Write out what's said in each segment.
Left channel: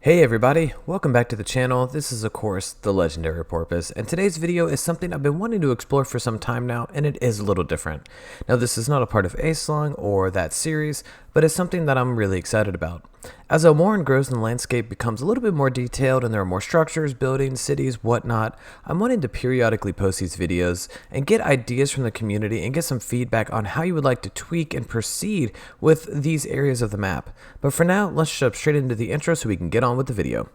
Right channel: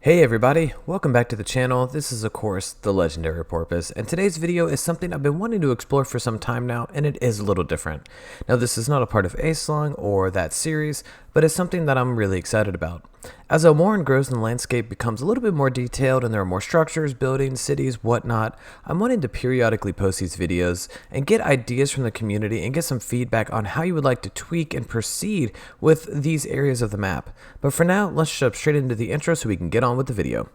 Hey everybody, welcome back to the channel. This is of course the Legendary Porpoise, and today's video is something I've been wanting to explore for some time now, and it is a little different. Now this is not a part of A-Slung or that series, but it's something that I'm really excited about. As Elmoran grows and the landscape becomes a little bit more detailed and there are more structures, buildings, cities, whatnot, I'm wanting to periodically post these videos and get ideas from the community and get some feedback on how you would like to tweak and proceed with these areas of the map. But for now, let's jump straight into the intro so we can get on with the video.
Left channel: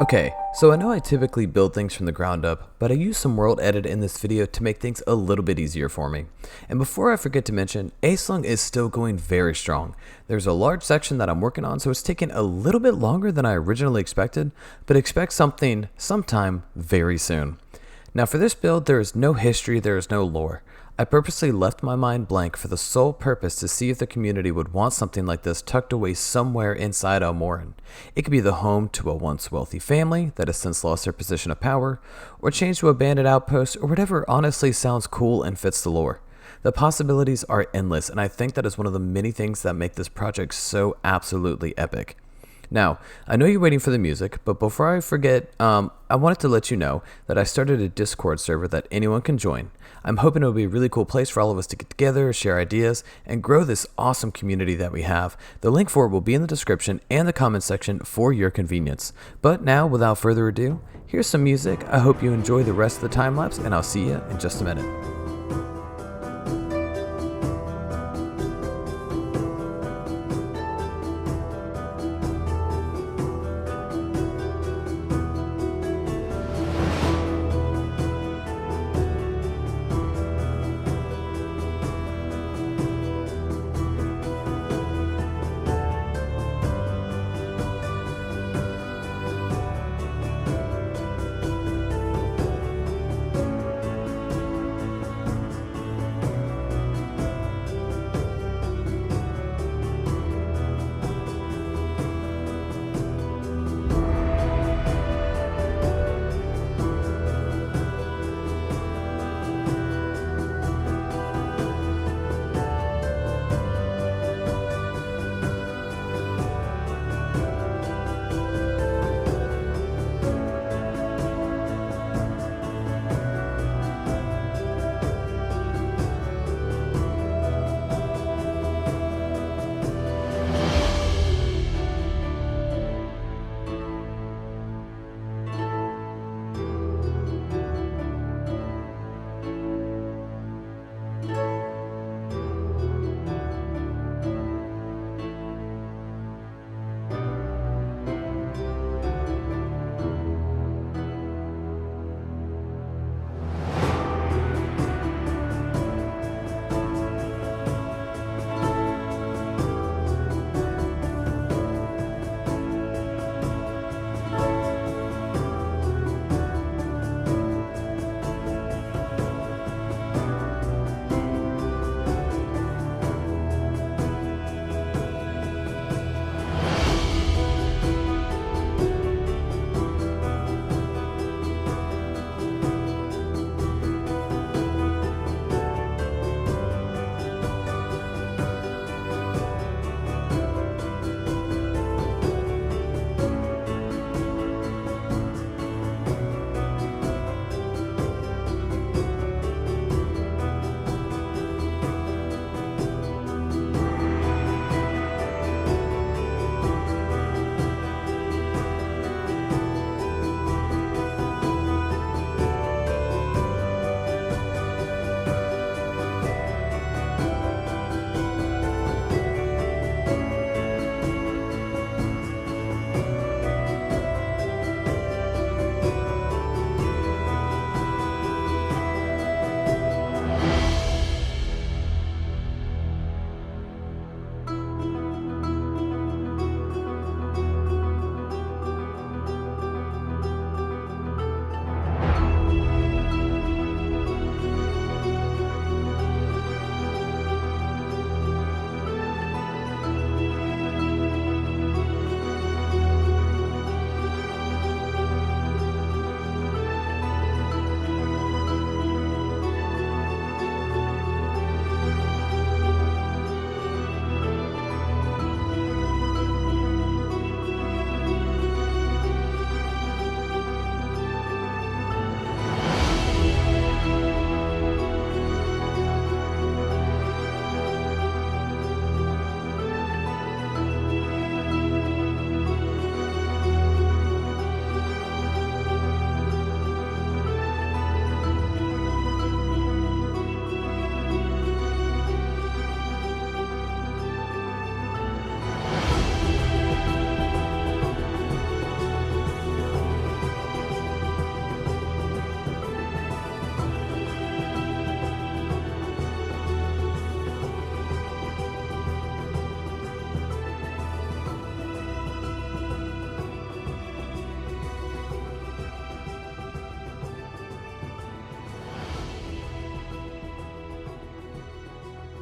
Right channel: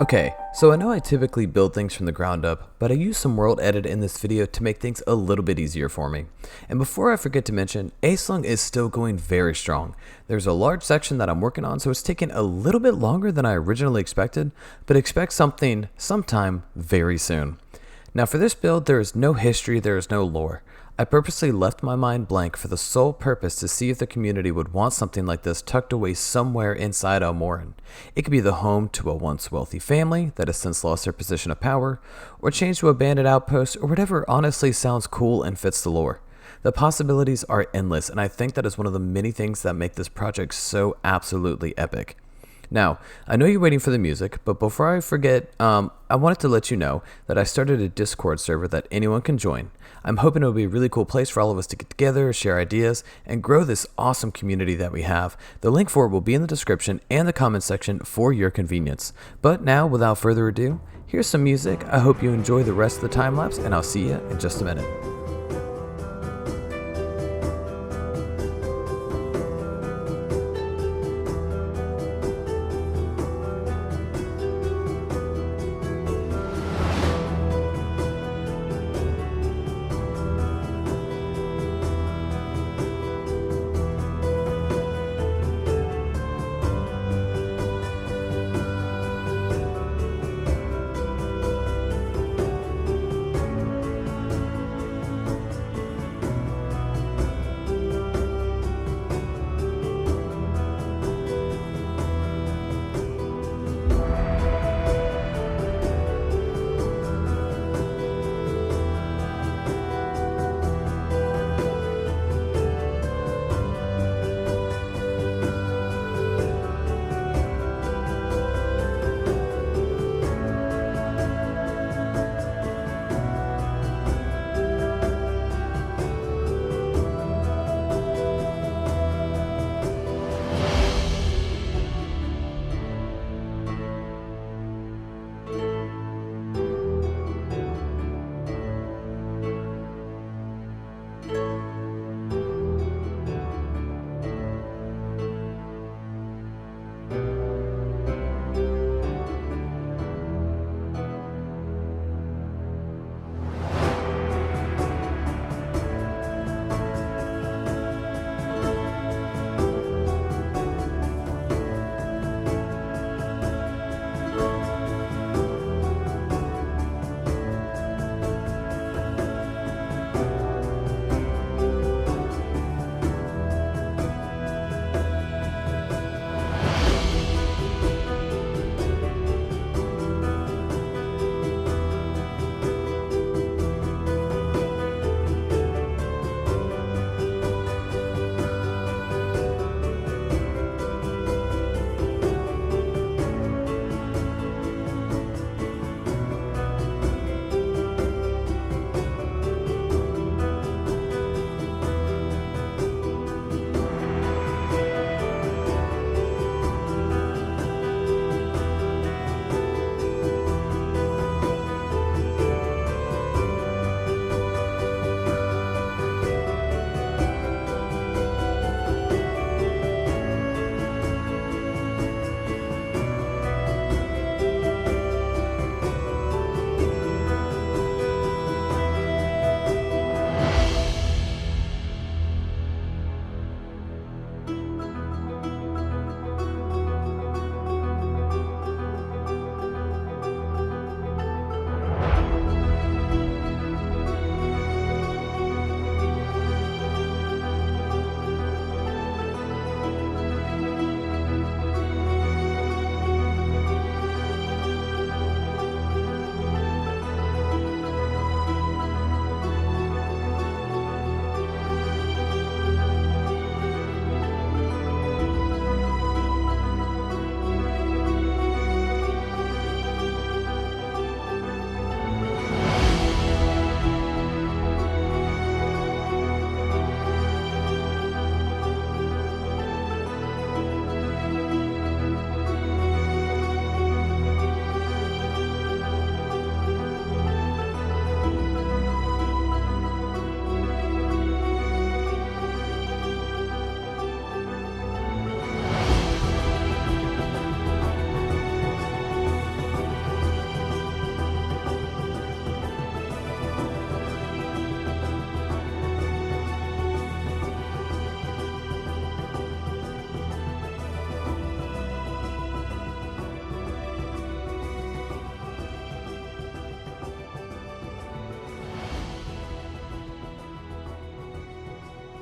Okay, so I know I typically build things from the ground up, but I use some world edit in this video to make things a little bit easier for me. And before I forget to mention, A-Slung is still going very strong. There's a large section that I'm working on, so it's taking a little bit longer than I originally expected, but expect something sometime very soon. Now for this build, there is no history, there is no lore. I purposely left my mind blank for the sole purpose to see if the community would want something like this tucked away somewhere inside Elmoran. It could be the home to a once wealthy family that has since lost their position of power, or changed to a bandit outpost, or whatever honestly sounds cool and fits the lore. The possibilities are endless, and I think that is one of the many things that make this project so absolutely epic. Now, I know you're waiting for the music, but before I forget, I wanted to let you know that I started a Discord server that anyone can join. I'm hoping it'll be a really cool place for all of us to get together, share ideas, and grow this awesome community that we have. The link for it will be in the description and the comment section for your convenience. But now, without further ado, here's some music. I hope you enjoy the rest of the time lapse, and I'll see you in just a minute.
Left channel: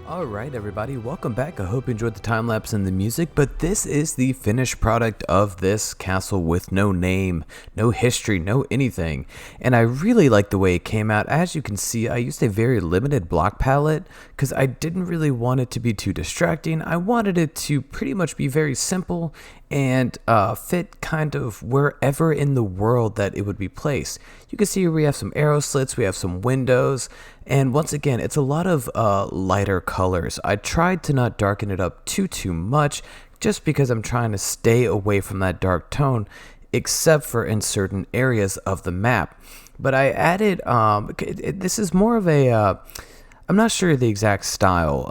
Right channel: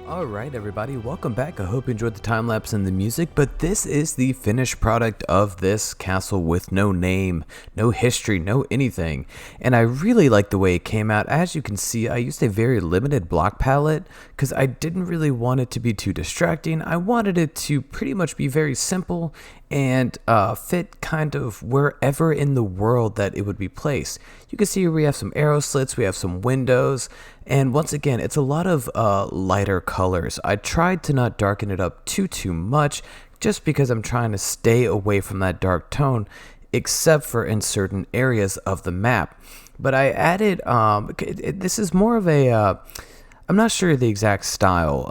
Alright everybody, welcome back. I hope you enjoyed the time lapse and the music, but this is the finished product of this castle with no name, no history, no anything. And I really like the way it came out. As you can see, I used a very limited block palette because I didn't really want it to be too distracting. I wanted it to pretty much be very simple and fit kind of wherever in the world that it would be placed. You can see here we have some arrow slits, we have some windows, and once again, it's a lot of lighter colors. I tried to not darken it up too much, just because I'm trying to stay away from that dark tone, except for in certain areas of the map. But I added, this is more of a, I'm not sure the exact style.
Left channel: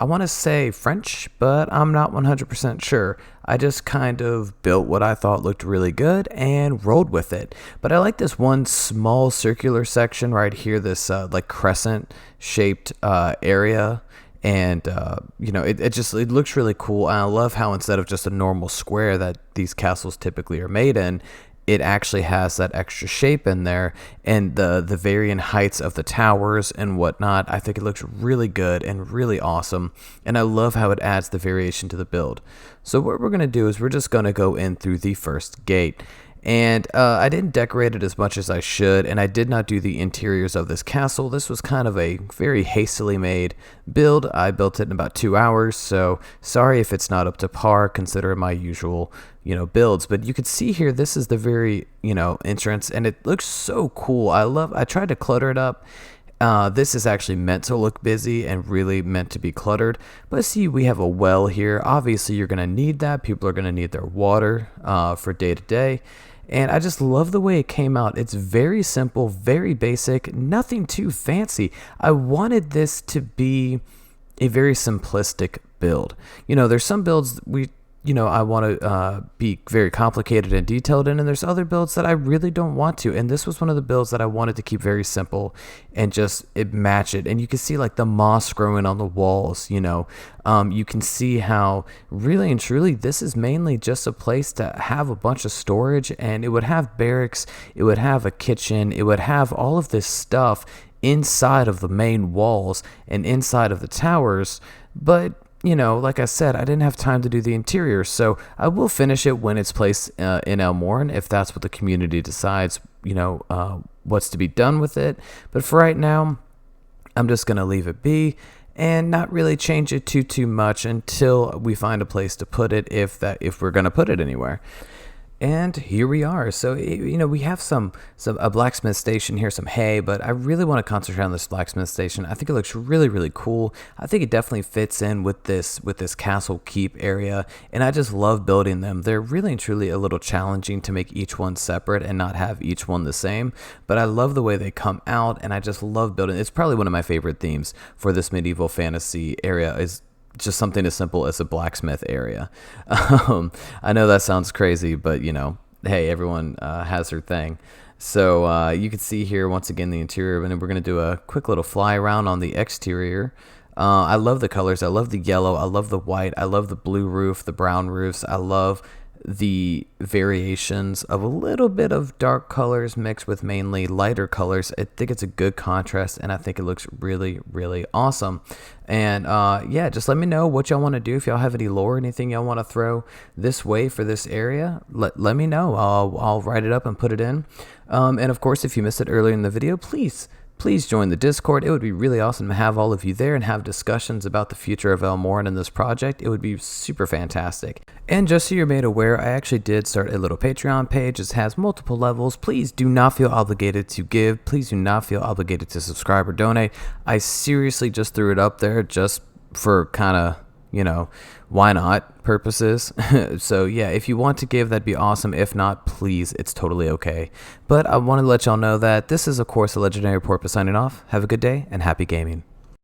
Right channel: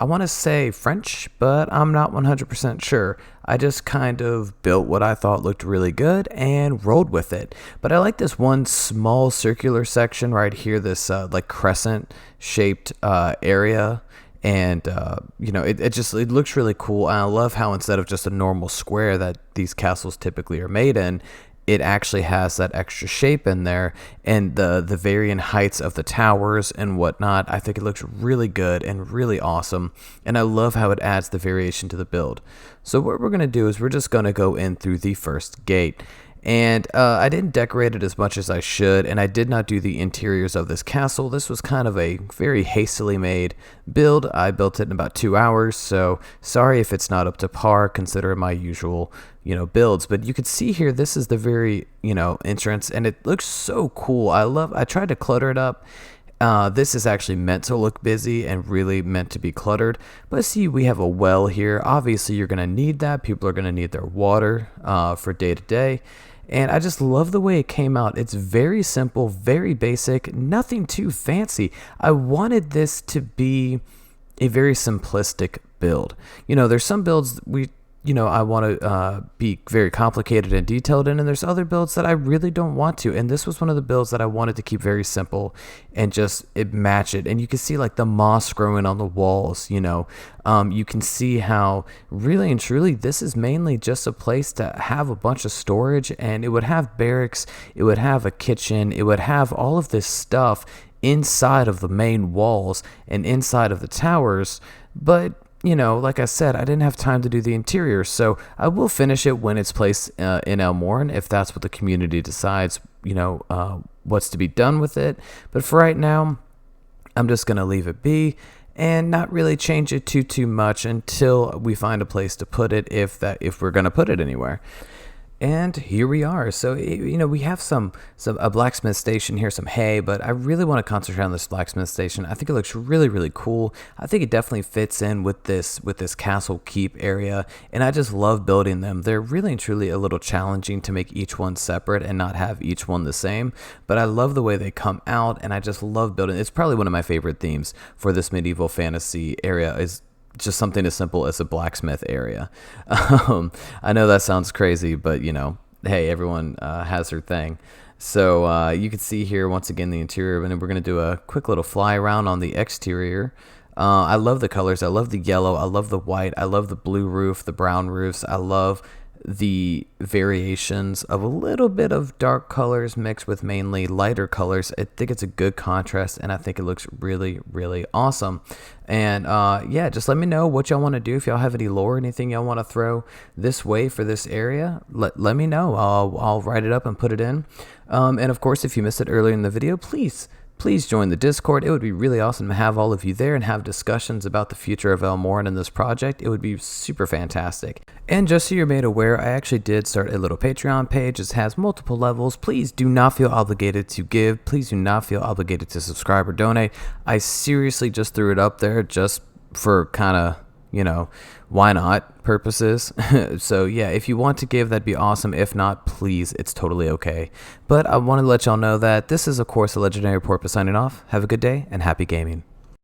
I want to say French, but I'm not 100% sure. I just kind of built what I thought looked really good and rolled with it. But I like this one small circular section right here, this like crescent shaped area. And it looks really cool. And I love how instead of just a normal square that these castles typically are made in, it actually has that extra shape in there, and the varying heights of the towers and whatnot. I think it looks really good and really awesome, and I love how it adds the variation to the build. So what we're going to do is we're just going to go in through the first gate. And I didn't decorate it as much as I should, and I did not do the interiors of this castle. This was kind of a very hastily made build. I built it in about 2 hours, so sorry if it's not up to par considering my usual, builds. But you can see here, this is the very, entrance, and it looks so cool. I tried to clutter it up. This is actually meant to look busy and really meant to be cluttered. But see, we have a well here. Obviously, you're going to need that. People are going to need their water for day to day. And I just love the way it came out. It's very simple, very basic, nothing too fancy. I wanted this to be a very simplistic build. There's some builds I want to be very complicated and detailed in, and there's other builds that I really don't want to. And this was one of the builds that I wanted to keep very simple and just match it. And you can see like the moss growing on the walls, you can see how really and truly this is mainly just a place to have a bunch of storage, and it would have barracks, it would have a kitchen, it would have all of this stuff inside of the main walls and inside of the towers. But like I said, I didn't have time to do the interior, so I will finish it when it's placed in Elmore, if that's what the community decides, what's to be done with it. But for right now, I'm just going to leave it be and not really change it too much until we find a place to put it, if we're going to put it anywhere. And here we are. So, we have a blacksmith station here, some hay, but I really want to concentrate on this blacksmith station. I think it looks really cool. I think it definitely fits in with this castle keep area, and I just love building them. They're really and truly a little challenging to make each one separate and not have each one the same, but I love the way they come out, and I just love building. It's probably one of my favorite themes for this medieval fantasy area is just something as simple as a blacksmith area. I know that sounds crazy, but hey, everyone has their thing. So you can see here once again the interior, and then we're going to do a quick little fly around on the exterior. I love the colors. I love the yellow. I love the white. I love the blue roof, the brown roofs. I love the variations of a little bit of dark colors mixed with mainly lighter colors. I think it's a good contrast, and I think it looks really awesome. And yeah, just let me know what y'all want to do. If y'all have any lore, anything y'all want to throw this way for this area, let me know. I'll write it up and put it in. And of course, if you missed it earlier in the video, please join the Discord. It would be really awesome to have all of you there and have discussions about the future of Elmore and this project. It would be super fantastic. And just so you're made aware, I actually did start a little Patreon page. It has multiple levels. Please do not feel obligated to give. Please do not feel obligated to subscribe or donate. I seriously just threw it up there just for kind of, why not purposes. So yeah, if you want to give, that'd be awesome. If not, please, it's totally okay. But I want to let y'all know that this is, of course, a Legendary Porpoise signing off. Have a good day and happy gaming.